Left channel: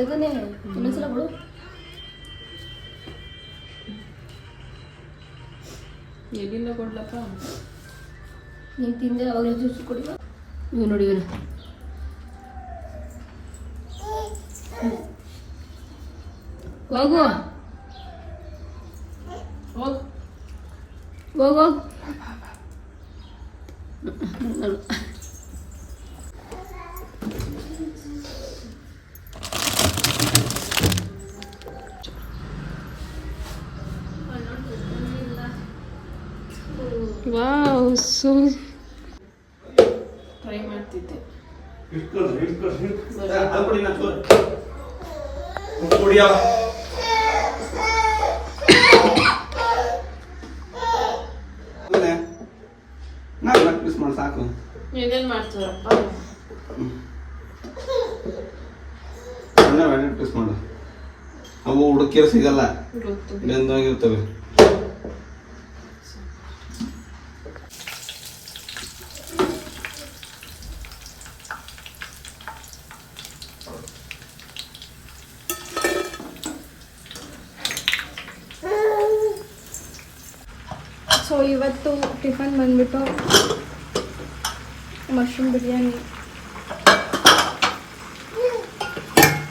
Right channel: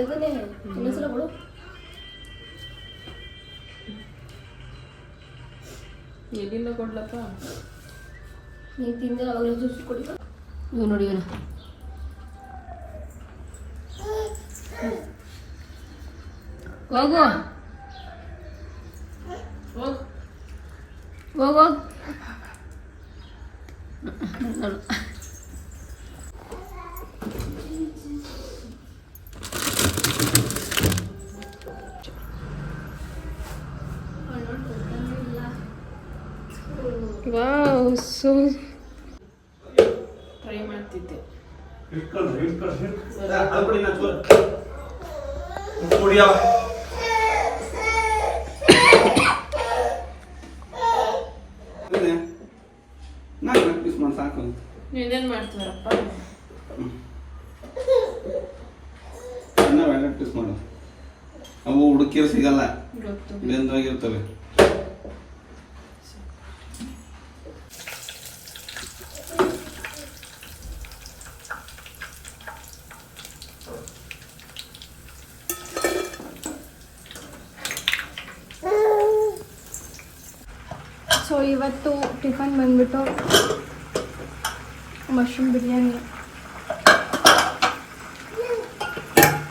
ಇನ್ನೊಂದ್ಸಲ ಬಿಡು. ಎಲ್ಲಿಂದ ಕೊಡ್ಲಪ್ಪ? ನೀನು ತಿಂದೆ ಅವಾಗಲೇ ಜ್ಯೂಸ್ ಕೊಡಿ. ಇವು ನೋಡಿ ಇವನು ಹೋಗು ಹೋಗು ಹೋಗು. ವಾವ್, ಸೊ ಟ್ರೈ ಮಾಡ್ತಿದ್ದೆ. ಸಾಕು ಏನೇನು ಮಾಡ್ತಾರಪ್ಪ? ಪೀಸ್ ಮಾಡು. ಅವು ಹುಡುಕಿರೋ ಸಿಗಲ್ಲ, ಗೊತ್ತು. ಬೆಂದೋಗಿರ್ತವೆ. ಸೊ ಇವತ್ತು ಟಿಫನ್ ಬಂದ್ಬಿಟ್ಟು mushroom biryani.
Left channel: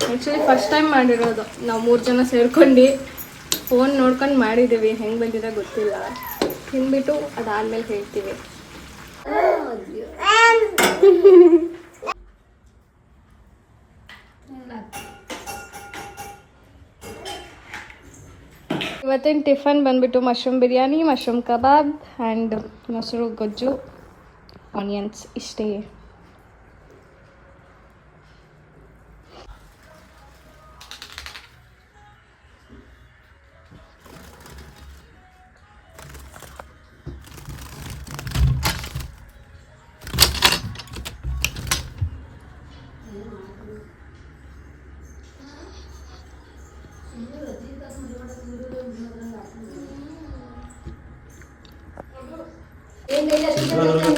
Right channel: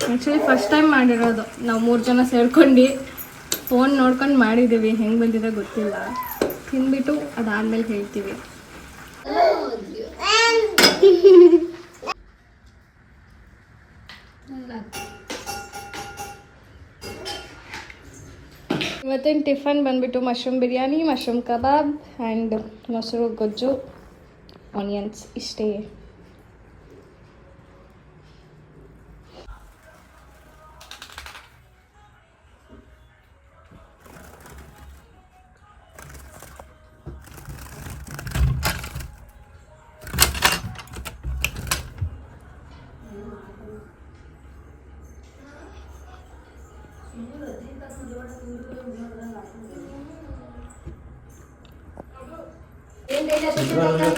Actually first time ಮಾಡಿರೋದು ನಾವು 3 ಜನ ಸೇರ್ಕೊಂಡು ಫೋನ್ ನೋಡ್ಕೊಂಡು ಮಾಡಿದ್ದೀವಿ. ಹೆಂಗೆ ಬಂದಿದೆ ಗೊತ್ತಿಲ್ಲ. ತಿಂದ್ಬಿಟ್ಟು ಅದಾದ್ಮೇಲೆ ಹೇಳ್ತೀವಿ. ಇವತ್ತಿನ ಟಿಫನ್ ಬಂದ್ಬಿಟ್ಟು mushroom biryani, mushroom kebab and ಮೊಸರು ಗೊಜ್ಜು, ಆನಿಯನ್ಸ್. ಇಷ್ಟೇ.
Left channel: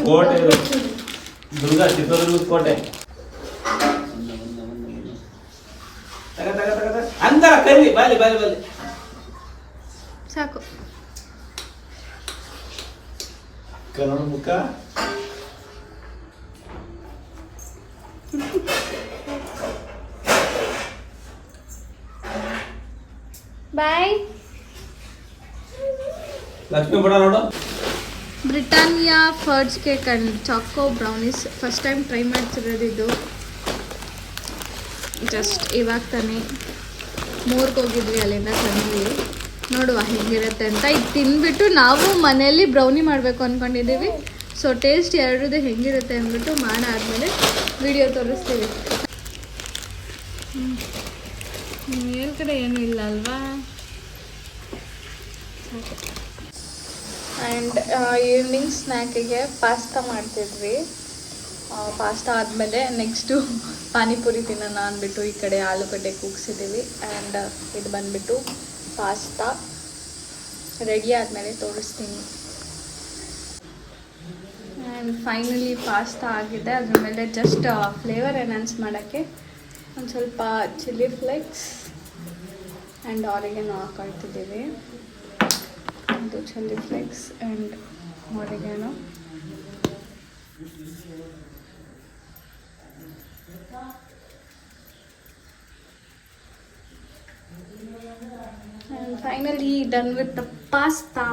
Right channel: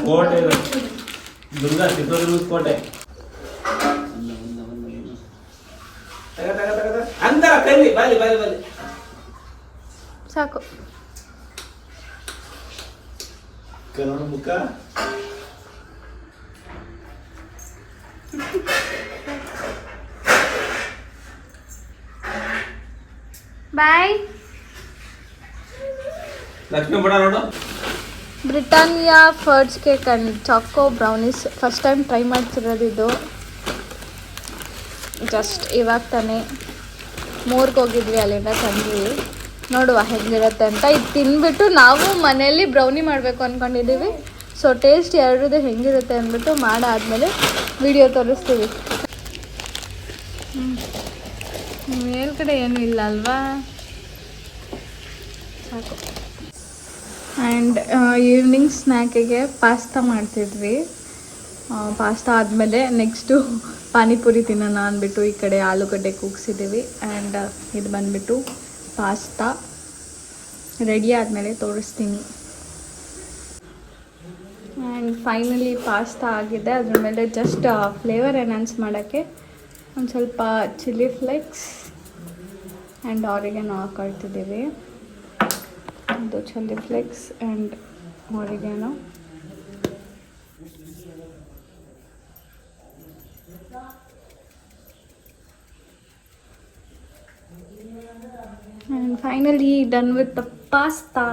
ಕೋಟೆ ದುರ್ಗಾ ಚಿತ್ರದುರ್ಗ ಕೋಟೆ ಅಂತ ಕರಿ ಬಾಲಿ ಬಾಲಿ ಬಾಲಿ ಸಾಕು. ಕನ್ನಡ ಮುಖ ಬಾಯ್. ಲಕ್ಷ್ಮೀ ಬಡ ನೋಡು. ಬ್ರಿಟಾನಿಯಾ ಫರ್ಡ್ಸ್ cake and choco brownies first time try ಮಾಡ್ತಿರೋದಿದ್ದು. ಜಸ್ಟ್ ಇವಾಗ ತಾನೇ ಮೂರ್ಗೆ ಹೋಗಿದ್ವಿ, ಅಲ್ಲಿಂದ ತಂದ್ವಿ. ನೋಡುವ ಹೆಂಗಿರುತ್ತೆ ಅಂತ. ಇದು ತಿಂದ್ಬಿಟ್ಟು ನಾವು ಮನೆಯಲ್ಲಿ ಬ್ರೌನಿ ಮಾಡಬೇಕು ಅಂದ್ಕೊಂಡಿದ್ದೀವಿ. ಸೊ ಟೇಸ್ಟ್ ಎರಡೂ ಹೆಂಗಿರುತ್ತೆ ಅಂದ್ಬಿಟ್ಟು ಮಾಡಾದ್ಮೇಲೆ ವಿಡಿಯೋ ತೋರಿಸ್ತೀವಿ. ಮೇಲ್ಗಡೆ ಏನೂ ಇಲ್ಲ ಅಲ್ವಾ? ಸಾಕು. ಆ್ಯಂಡ್ ಈವ್ನಿಂಗ್ ಸ್ನ್ಯಾಕಿಗೆ ಪಾಸ್ತಾ ಮಾಡ್ತಿದ್ವಿ. ಪಾಸ್ತಾ ಆದಮೇಲೆ ನೆಕ್ಸ್ಟು ಪಾನಿಪುರಿ ತಿನ್ನೋಣ ಅಂದ್ಬಿಟ್ಟು ಈ ಕಡೆ ಆಲೂಗಡ್ಡೆ ಕೂಗಿಸಿದ್ದೀವಿ. ಆ್ಯಂಡ್ ಇದು ಬಂದುಬಿಟ್ಟು ಪಾಸ್ತಾ ರೆಡಿ ಆದಮೇಲೆ ತೋರಿಸ್ತೀನಿ. ಆ್ಯಂಡ್ ಫೈನಲಿ ಪಾಸ್ತಾ ಆಗಿದೆ. ಅದ್ರ ಮೇಲೆ ಜಸ್ಟ್ ಫ್ಲೇವರ್ ಎನ್ಹಾನ್ಸ್ ಮಾಡೋಕ್ಕೆ ಒಂದು ಸ್ವಲ್ಪ ಚಿಲ್ಲಿ ಫ್ಲೇಕ್ಸ್ ಆ್ಯಂಡ್ ಆರಿಗೇನೋ ಹಾಕೊಳ್ತಿದ್ದೀವಿ. ಇದು chilli flakes and oregano. And finally done with the pasta.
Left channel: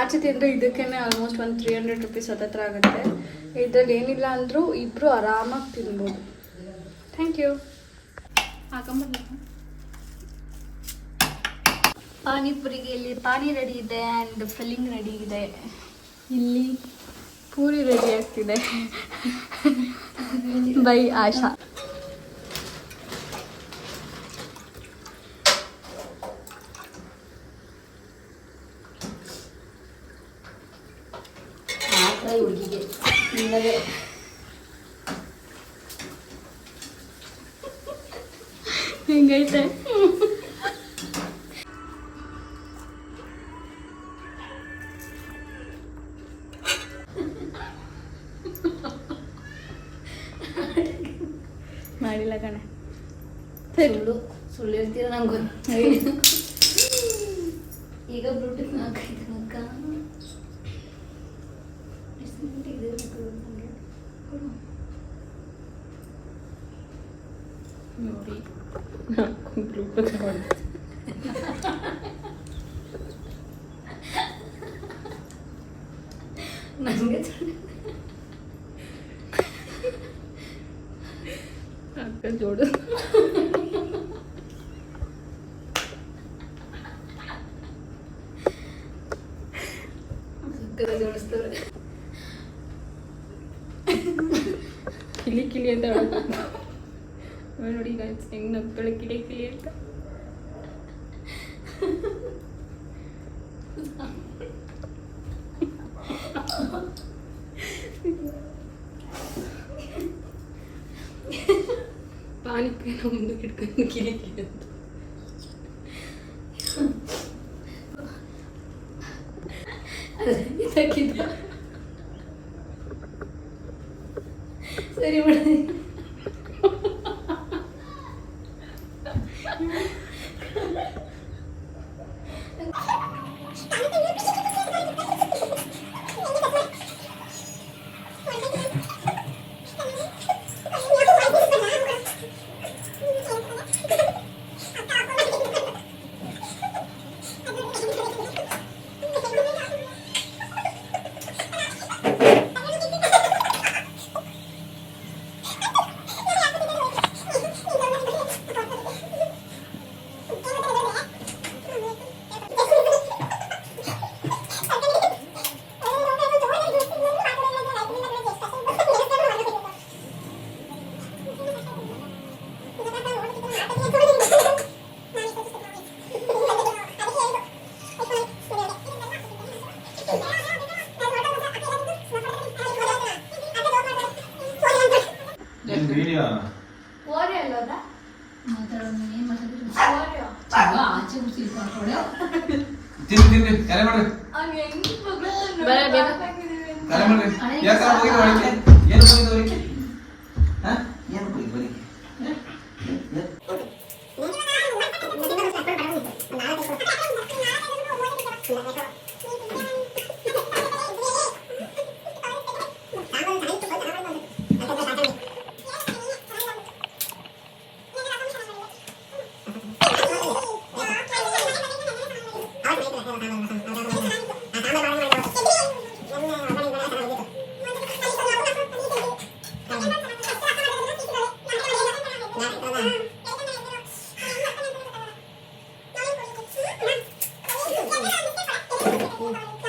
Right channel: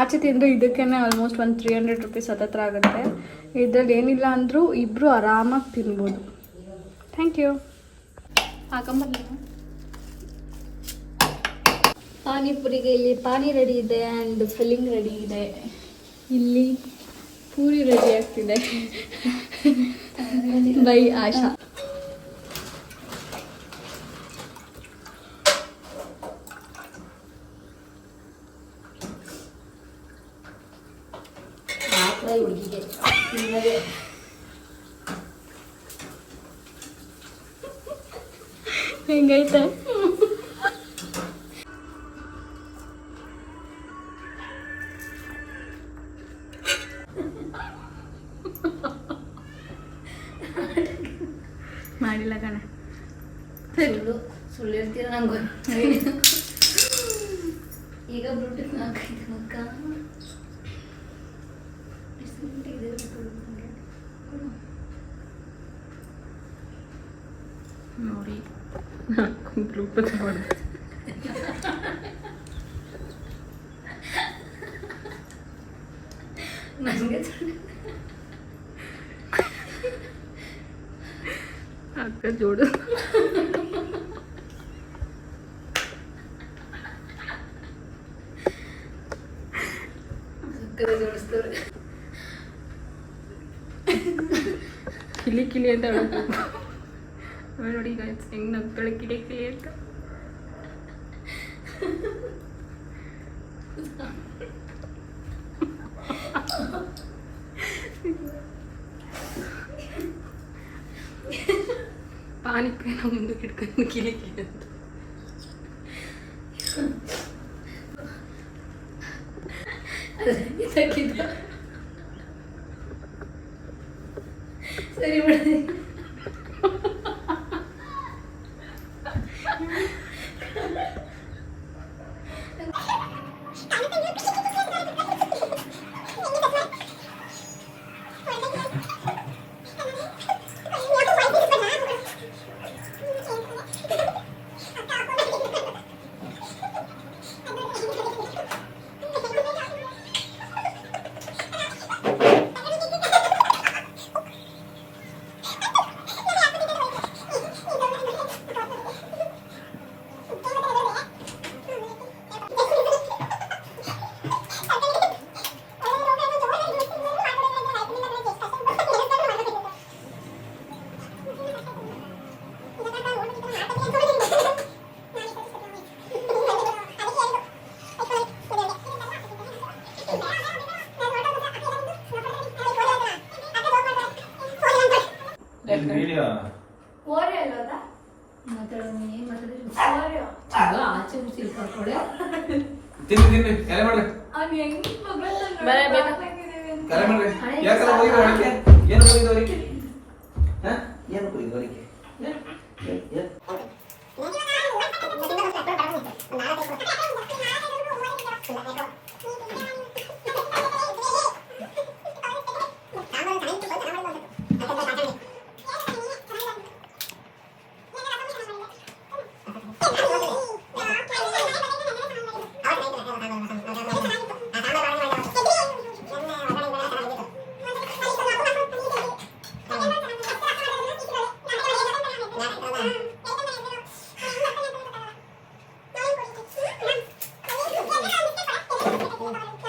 ಆಚೆ ತಿಂದರೆ ಇದಕ್ಕೇ ಆಲ್ಮೋಸ್ಟ್ ಒಂದು 300 ರೂಪೀಸ್ ಹತ್ತತ್ರ ಆಗುತ್ತೆ. ಇದರಲ್ಲಿ ಏನಿಲ್ಲ ಅಂದರೂ ಇಬ್ಬರು ಆರಾಮಾಗಿ ತಿನ್ಬೋದು. Thank you. ಹಾಕೊಂಬರ್ಲಿ. ಪಾನಿಪುರಿಗೆ ಇಲ್ಲಿ ಪಾನಿ ರೆಡಿ ಇದೆ ಆ್ಯಂಡ್ ಫಿಲ್ಲಿಂಗ್ ರೆಡಿ ಇದೆ. ಇಲ್ಲಿ ಪೂರಿ ರೆಡಿ ಆಗ್ತಿದೆ ಬೈ ಆಶಾ. ಹೆಂಗೈತೆ? ಮಾಡಿಲ್ಲ ಕಣೆ. ಸುಳ್ಳು ಹೇಳ್ತೀರ ನಂಗೆ ಈಗ ಬ್ಲೂಟೂತ್ ಹಾಕೈತೆ ಅಕ್ಕ ನೋಡಿ ಬ್ಲೂಟೂತ್ ಮಾಡಿ ನನಗೆ ಅಕ್ಕ ಜೋಡು ಜೋಡಿಸ್ತವ್ರೆ ಕಿಲಿ ಕಿಲಿ ಅಂತ ಹೇಳ್ಬೇಕು. ಆಮೇಲೆ ನೋಡಿ ಈಗ ಹೆಂಗ್ ನಗ್ತಾಳೆ ಕಿಲಿ ಕಿಲಿ ಅಂತ. ಪಾನಿಪುರಿನ ಮುಂದಕ್ಕೆ ಇಟ್ಕೊಂಡು ಕಿಲಿ ಕಿಲಿ ಅಂತ. ಇದಕ್ಕಿದೆ ಸರಿ ಬಿಡಿ ವಿಡಿಯೋ ತಿನ್ನಿ ಕರೆ ಮಾಡ್ರಿ ಬರ ಬೇಗ. ಕರೆ ಮಾಡ್ರಿ ಯಾಕರ ಹೋಗಿ ಹೊಳಿಕೆ ಏನು ಹೋಗಿ ಹೊಳಿಕೆ ಹಾ ಏನು ಹೋಗಿ ಹೊಳಿಕೆ Thank you.